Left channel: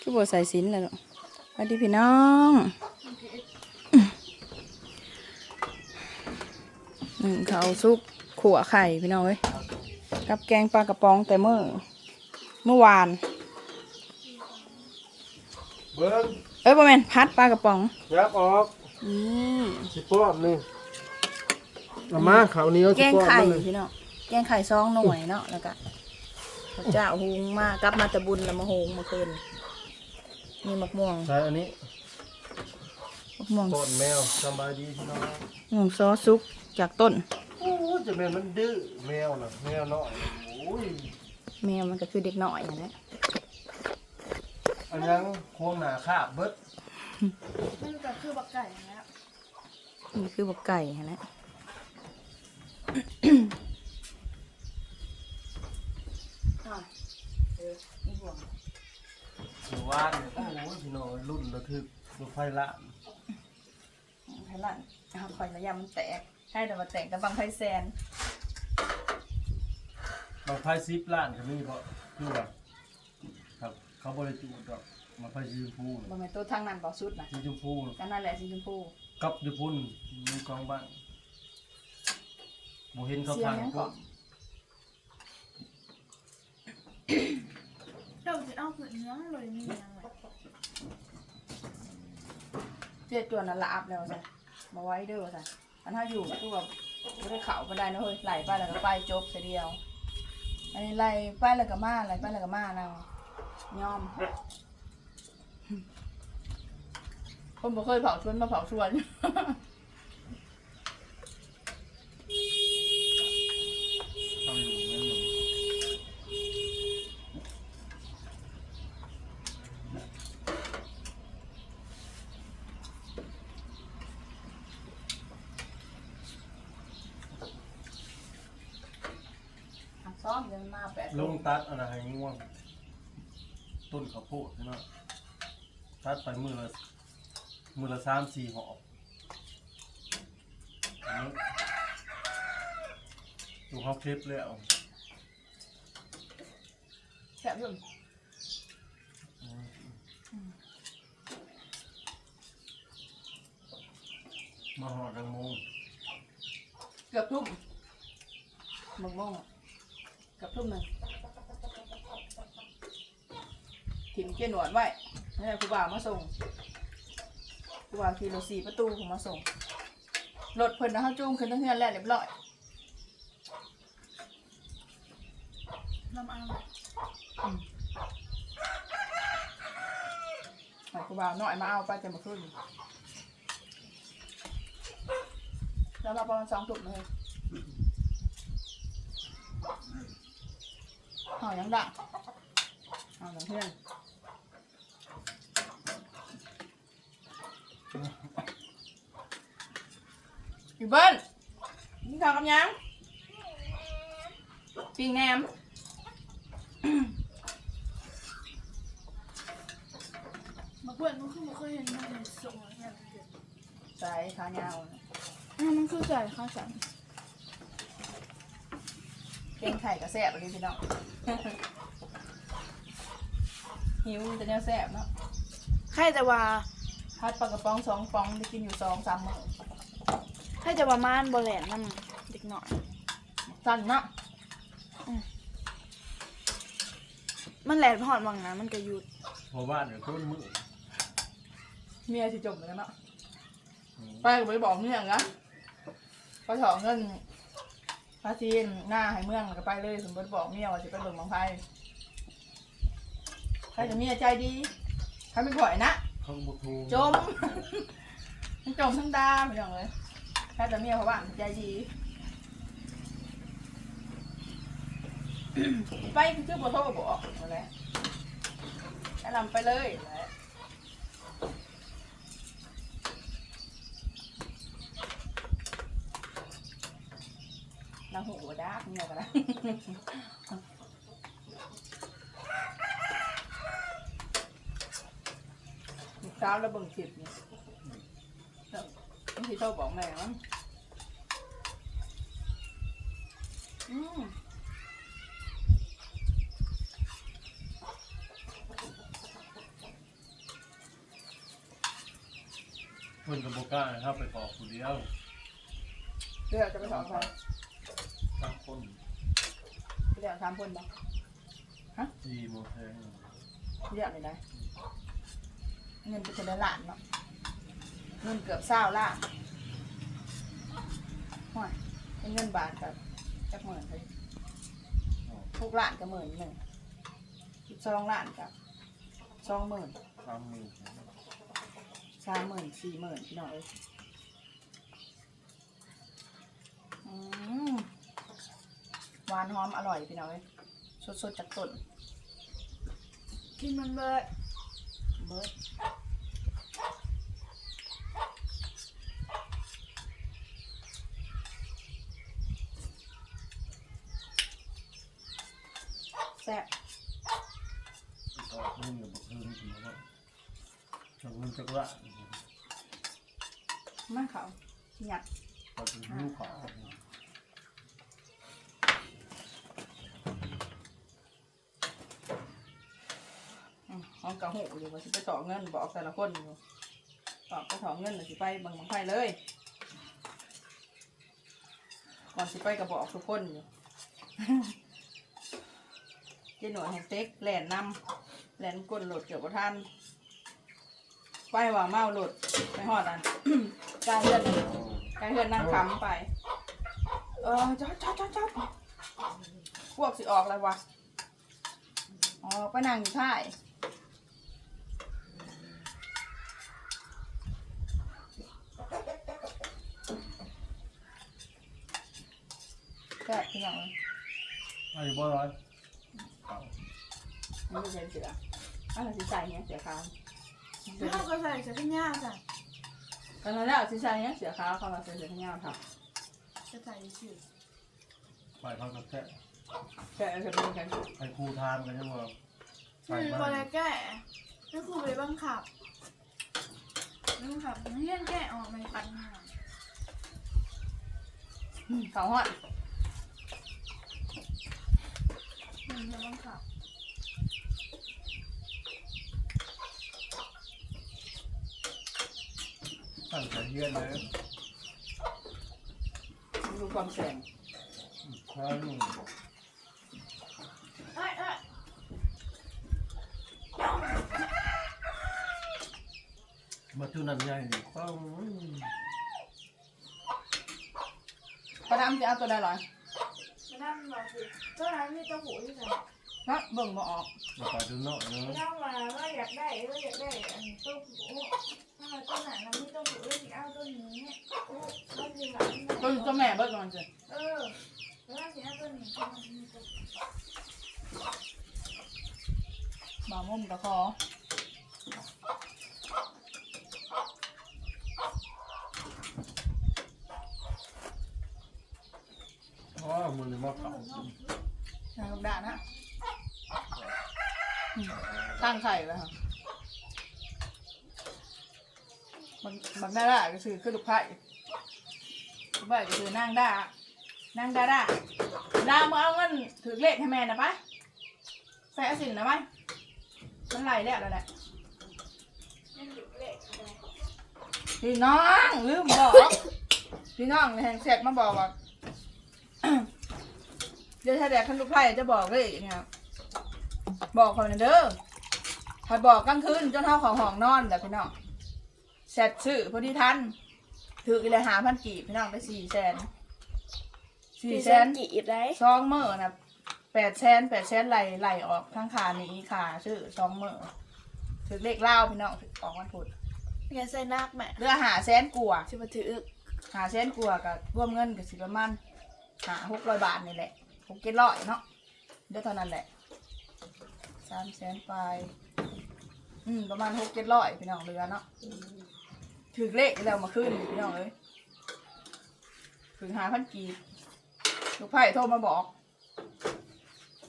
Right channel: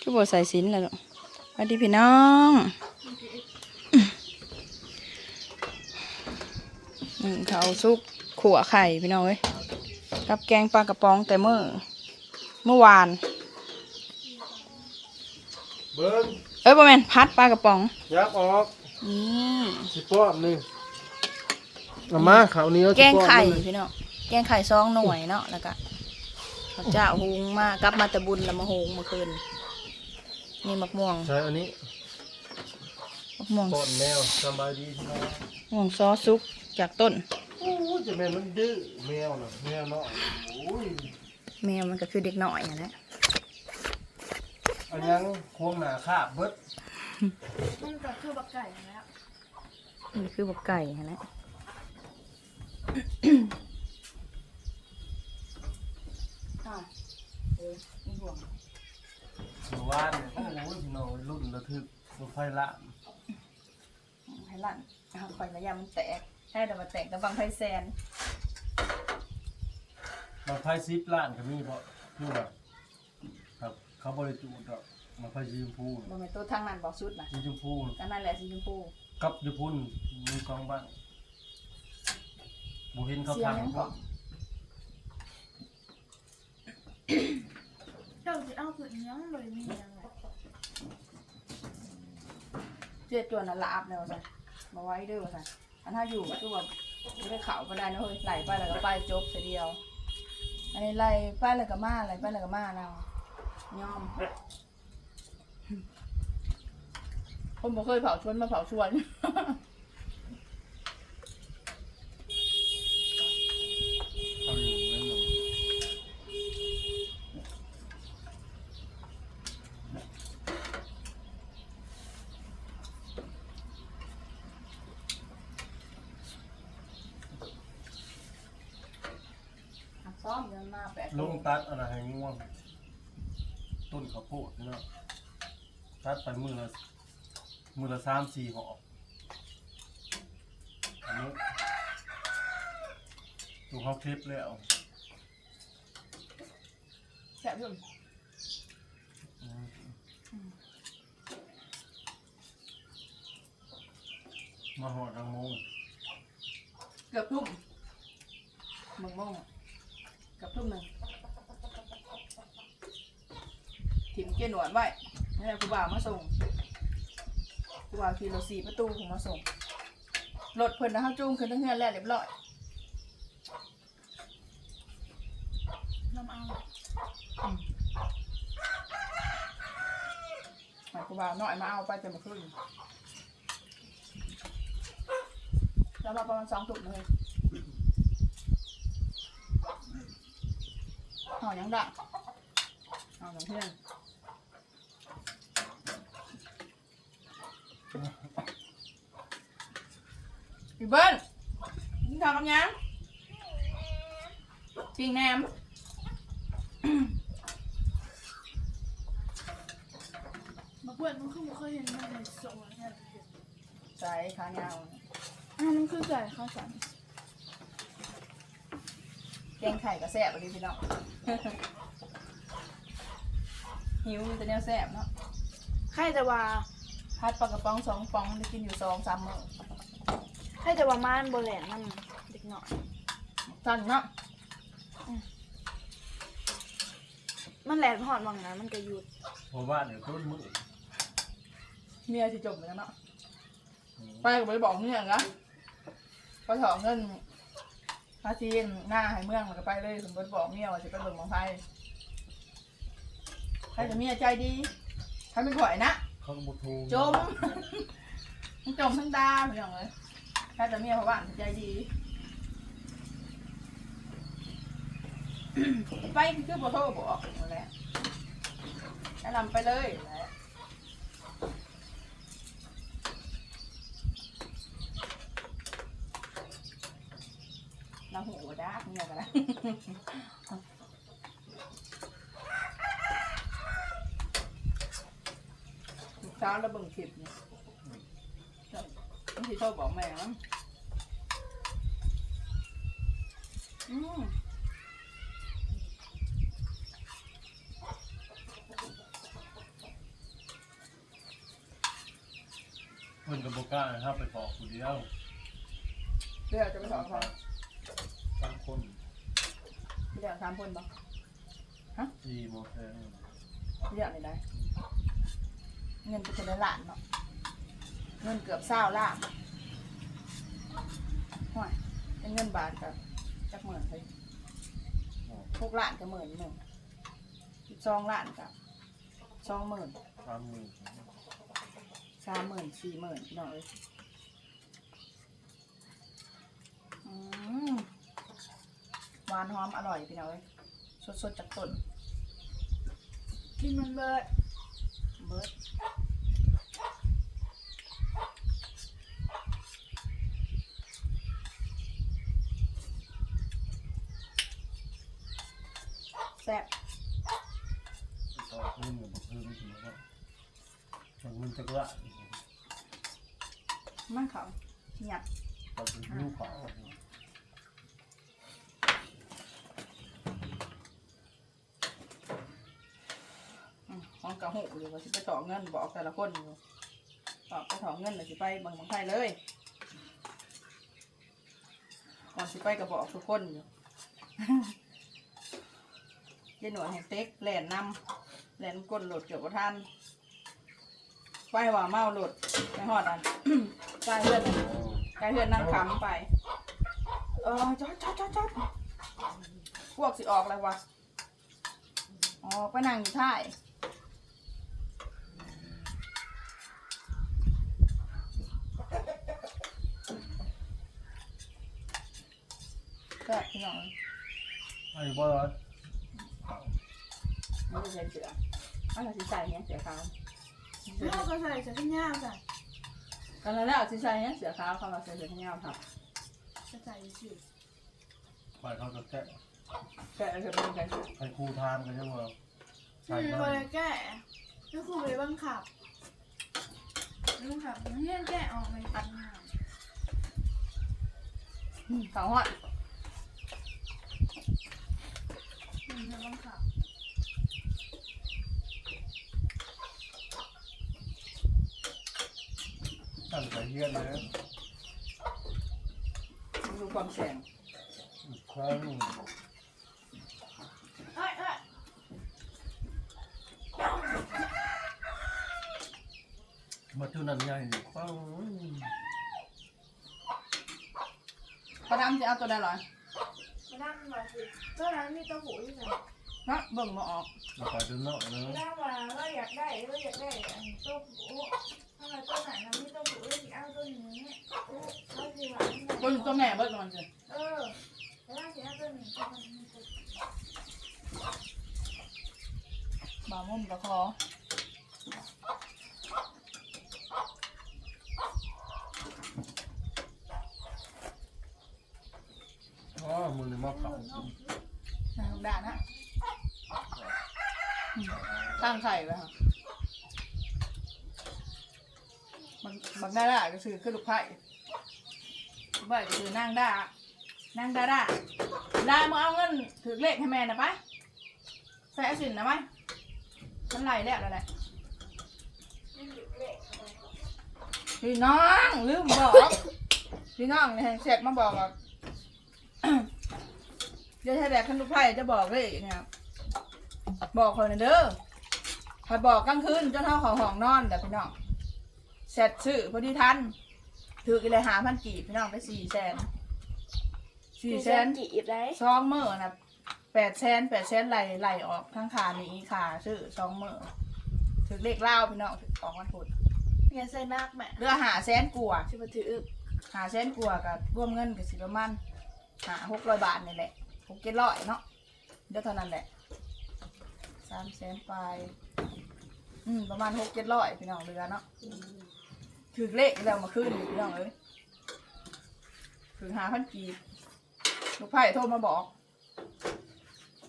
คือบ่ใส่สินแล้วเนาะสวัสดีพี่น้องหนึ่งเขาวซุกขัวไข่พี่น้องเอ้ยกับแกงปลากระป๋องแต่เมื่อเมื่อวาน เบิ้งเอ้ยบ่แม่นพัดปลากระป๋องยับออกนี่สิป้อนนี่เอามาขาวเหนี้ยวแกงไข่สิป้อนมันพี่น้องแกงไข่ซองหน่วยเนาะแล้วก็ข้าวเจ้าหุงมากลับมาแต่บุญแล้วมาหุงเมื่อคืน นี่มะม่วงใช่อันนี้มะม่วงป้อนแมวสบายดีพี่น้องมะม่วงซอสซุปจากต้นโอ้จะแม่นมันดื้อแมวน่ะแมวเนาะโอ้ยแมวมันก็คือเด็กน้อยนั่นแหละอันยังควงหนาคาบเบิดมันก็คือบักไก่นั่นแหล้วนี่คือบักไก่นั่นแหละอะเออนี่ห่วง หรือว่าเนี่ยโอ้ยพี่น้องรุ่นระทึกรถไฟละให้ลั่นเอาคอยระยะมันแตกให้แต่ว่าแตกกับบังไพแซนบางไฟซิปล้านก็มีเพราะคือว่าครับเขาบริจูดดอกบางไฟสีชมพูบาน่ะงแม่ตัวทางนั้นบอกสุดนะสีชมพูก็นั่นแหละสีชมพูกับญี่ปุ่นมีกองบ้างบูเห็นเขาเสียงทางยังว่าเจ้าจะเอาผืนเนื้อเลยมีอะไรเจ็ดตัวนั้นละอัพแล้วใช่มาไว้เด้อใช่อันถ้าอยู่ตัวไม่ได้เข่าไปได้นะเฮ้ยไหลไปแล้วก็ไปจบเสียเดียวอันนี้ไหลไปแล้วก็มาไหลไปแล้วก็มาเนะยอม คนบ่เคยเผาชวนมาเผาชวน เขาอยู่นั่นน่ะ หักซ้อมเงินมาแปดลงตัดอะไรให้ง่วง ต้นข้าวโพดนี่เนาะตัดไปมือละมือละสามสี่หอบอันนี้ดูเขาคลิปแล้วแซ่บอยุ่นมาหอดรังโมงเกือบทุ่มมึงโมงอะเกือบทุ่มหนึ่งถิ่มเกียนหนวดไว้นี่แหละครูบ่าวมาส่งครูบ่าวขี่รถสี่ประตูผมมาส่งรถเพิ่นนะเขาจูงขึ้นทั้งเฮือนแล้วเรียบร้อยลำเอาหมายครูบ่าวน้อยมาเอาไปจะมาขึ้นแล้วมาประมาณสองถุงเลย ห่อยังดังห่อยังเพื่อนพี่เบิ้ลกินข้าวกับยังปิงแหนมมาเพื่อนมันคือมันเคยเห็นมันในส่งอะไรเงี้ยใส่ขายาวน่ะอ่ามันคือไก่ข้าวสัน แกงไข่กับแซ่บไปดิพี่น้อง หิวมีแต่แนวแซ่บเนาะให้แต่ว่าพัดปลากระป๋องสองฟองได้กินอยู่สองสามมื้อให้แต่ว่าม่านโบแลนนั่นเด็กหน่อย สั้นเนาะมันแหลนพอดวังนะมันก็หยุดเพราะว่าเดี๋ยวต้นมือเมียสิจบเหมือนกันเนาะไปก็ไปบอกเมียนะพอถอเงิน พาจีนหน้าให้เมืองแล้วก็ไปเลยสมมติบอกเมียว่าจะไปเบิ่งของไพ่ใครจะเมียใจดีใครเป็นข่อยนะ เขาก็บุทูจม ทั้งจมทั้งดาพี่น้องเลยถ้าจะเมียเพราะว่าใจดี ไปคือบ่โทรบอกนั่นแหละแนะนำไปเลยนั่นแหละ เราหูดักเงียกันแล้วเช้าแล้วเบิ่ฉียบเนี่ยที่เขาบอกแม่ว่าอืมคนกับบุก้าเข้าไปขอกคนเดียวเดี๋ยวจะไปสอนใคร สามคนเดี๋ยวสามคนบ่สี่โมงแทงเดี๋ยวไม่ได้เงินเป็นคนละล้านเนาะเงินเกือบเศร้าล้านห่วยเป็นเงินบาทกับจักหมื่นเลยทุกล้านกับหมื่นหนึ่งสองล้านกับสองหมื่นสามหมื่นสามหมื่นสี่หมื่นพี่น้องเอ้ยอืม หวานหอมอร่อยพี่น้องเอ้ยสดๆจากต้นกินมันเลยเบิร์ดแซ่บไปขอเงินกับบุคคลสมมติว่าทางเงินจักระมันเขาหยัดพอถึงลูกเขา อืมห้องกระหูอยู่ว่าสิไปต่อเงินบอกแต่ละคนอยู่ต่อไปถอเงินเลยสิไปบังบังไฟเลยก่อนสิไปก็บอกทุกคนอยู่เจหน่วยแห่งเต็กแหลนนำแหลนก้นโหลดเกี่ยวกับท่านไปว่าเมาโหลดไปหอดอันใกล้เพื่อนใกล้เพื่อนนั่งคำไป เออจอดจอดจอดจอดพวกสิออกแล้ววะออกไปนั่งอยู่ท้าย แค่พี่น้องไอ้บ่ร้อยเขาไม่ได้ใส่เสืออะไรสิใส่เนี้ยเสือขาวแล้วเราก็ใส่เสื้อกันยาวจ้ะกันแล้วสิใส่เนี้ยเสือขาวเข้ามาใส่เสือขาวครับจะใส่ชื่อไปเขาก็แค่แค่เสือเป็นกันให้ครูทามกันยังว่าใส่คือมาคนแก่นั่คือไปบังคับบังคับเรียนแก่ออกในปัญหาเขาหอด มันจะบังคับ ตั้งใจเยี่ยนเลยดูความแสงครั้งเอ้ยเอ้ยมาจุนันใหญ่ต้องประดามจะเอาตัวใดหรอ มานั่งมาสิตัวนั้นมีตัวหูที่ไหนฮะเบิ่งมาออกมาไปดูหน่อยนะมานั่งมาเราอยากได้เราอยากได้อันตัวหูถ้ามาตัวไหนมันมีตัวหูเราจะเอาตัวนี้เราจะมาตัวอยู่ตัวแม่เบิ่งมันสิเออแล้วจะเอาตัวนี้ตัวนี้ตัวบ่าวมุมตะคออ๋อมือนี่มาเก่า ทางด่านนะอืมตั้ง ไข่ไว้ค่ะมันมันได้ได้ก็คือคือลูกไผ่ลูกไผ่ก็คือนางด้านางดาด้าดามาเอาเงินถือเลขให้แม่นะปะใส่อสินนะไหมมันไหลแล้วแล้วแหละนี่หยุดเละอะไรพี่น้องลืมบอกพี่น้องแห่งเสร็จมาบอกว่าเดี๋ยวถ้าแดกขันลูกไผ่จะบอกเลยนะครับบอกคนนเด้อ ถ้าบอกกลางคืนจนเท่าของห้องนอนแต่พี่น้องเสร็จซื้อพอดีทันถืออีเลยหาพันกีบพี่น้องไปสี่แสนสี่แสนกี่อีกได้สองมื่อนะแปดแสนแปดแสนไหลไหลออกทั้งขานี้ขาซื้อสองมื่อถือเลขเล่าพี่น้องถือออกวันพุธอย่าใส่นักแม่เรือหาแสนกลัวาจะมาถือหาแสนกลัวากับร่วมเงินกับสิประมาณหาหกร้อยบาทนี่แหละหกเจ็ดร้อยเนาะเดี๋ยวเท่านั้นแหละสามแสนไป อืมประมาณหกเจ็ดร้อยพี่น้องเรือเนาะถือเลขแล้วมาขึ้นพี่น้องเลยถึงหาพันกีบลูกไผ่โทรมาบอก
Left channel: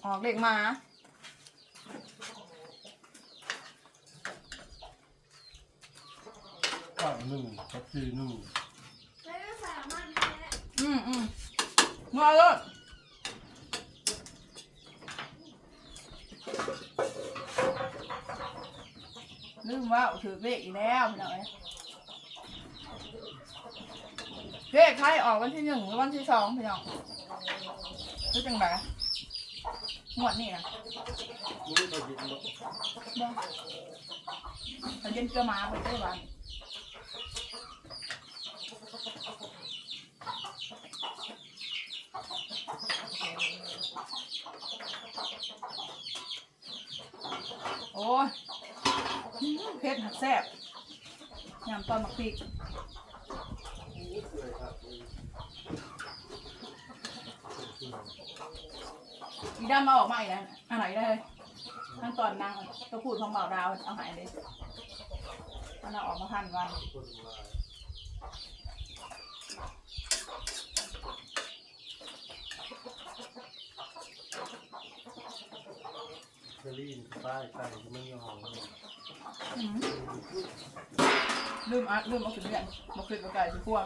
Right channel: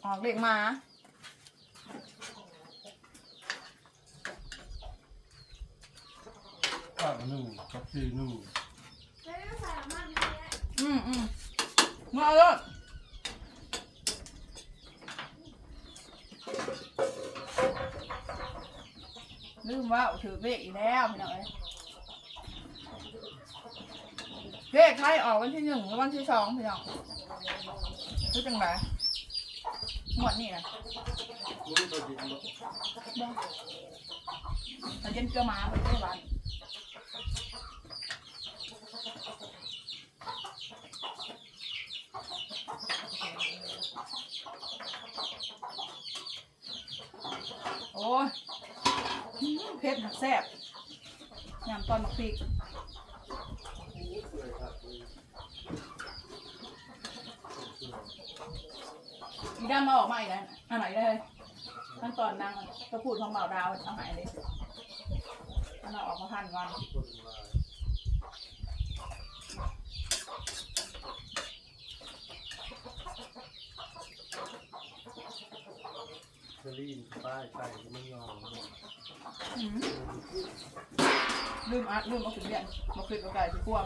ออกเลขมาก็หนึ่งกับสี่หนึ่งอืมอืมมาเลย ลืมว่าถือเลขอีกแล้วพี่เอ้ยเลขไทยออกวันที่หนึ่งหรือวันที่สองพี่น้องรู้จังไหมหมดนี่นะบ่มันจะเจอมาไปได้วัน ผ็ดหักแซ่บยำตอนมักพริกอีด้านมาออกมาอีกแล้วอันไหนได้เลยทั้งตอนนางตัวพูดของเบาดาวเอาหายเลยอันเราออกมาพันวันเจอรี่ป้ายใส่ก็ไม่ยอม ลืมอัดลืมเอาขึ้นเรียนมาขึ้นกับไก่ถึงพวง